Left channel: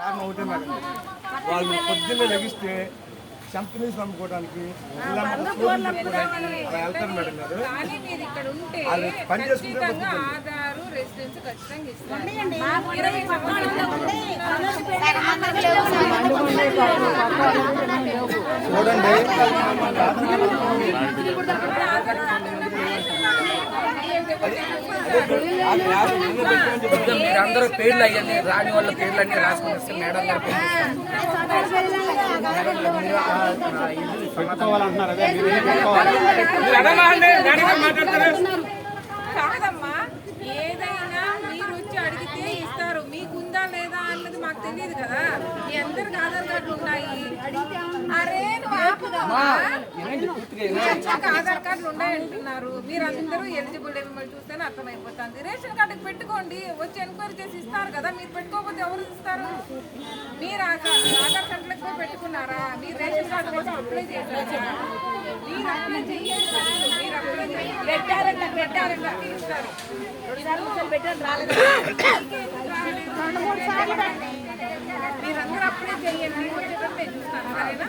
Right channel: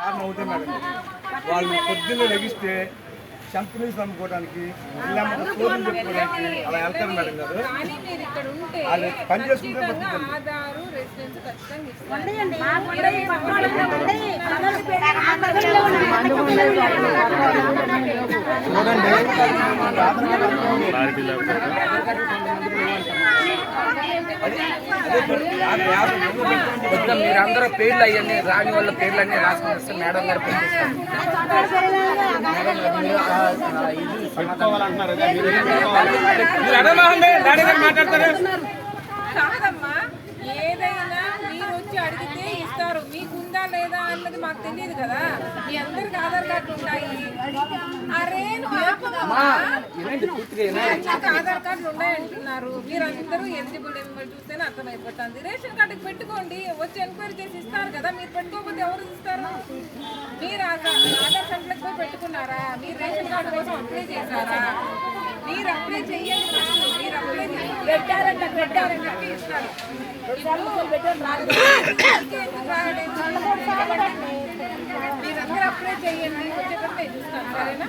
కారణం ఒకటే మేడం, వాళ్ళు పొద్దున్నే లెగిస్తే కంపెనీస్ అమ్ముకోవడానికి రోజులు చెప్పుకోవడానికి అలా వెళ్తారు మేడం గారు. అది పని చేసుకుంటే ఆధారు రెసిడెన్స్ ఖచ్చితంగా ఇస్తారు. చూడండి, మీరందరూ పేర్లు అయ్యండి, రాని వాళ్ళ పేర్లు అన్నీ రాసుకొని వస్తే మేడం గారు కాదమ్మా, ఏదైనా మీరు వచ్చి అడిగితే ఇస్తారు. మీకుందా లేదా అన్నది మాకు తెలియదు కదా. మీ అందరికి ఆధార్ కార్డులు ఉన్నాయి. అరే నువ్వు ఆపమ్మా, ఆధార్ కార్డులు ఉన్నాయంటున్నారు. మీరందరూ ఎలిజిబుల్ చూస్తేనే అర్థమైపోతుంది. రేషన్ కార్డుకి పెట్టుకోండి, వచ్చి ఎంక్వైరీ చేసి ఇస్తారు కదా. మీరు పెట్టుకోకపోతే ఎవరు ఇస్తారు? మీరు ఆధార్ సెంటర్కి పోయి పెట్టుకున్నారా? మీరు రేషన్ కార్డు కోసం అప్లై చేశారా? మీరు అప్లై చెయ్యండి. మీరు అప్లై పెట్టారంట ఇస్తారు. మీరందరూ అప్లై చెయ్యండి, వచ్చేటప్పుడు నేను చూస్తాను. సరేనా?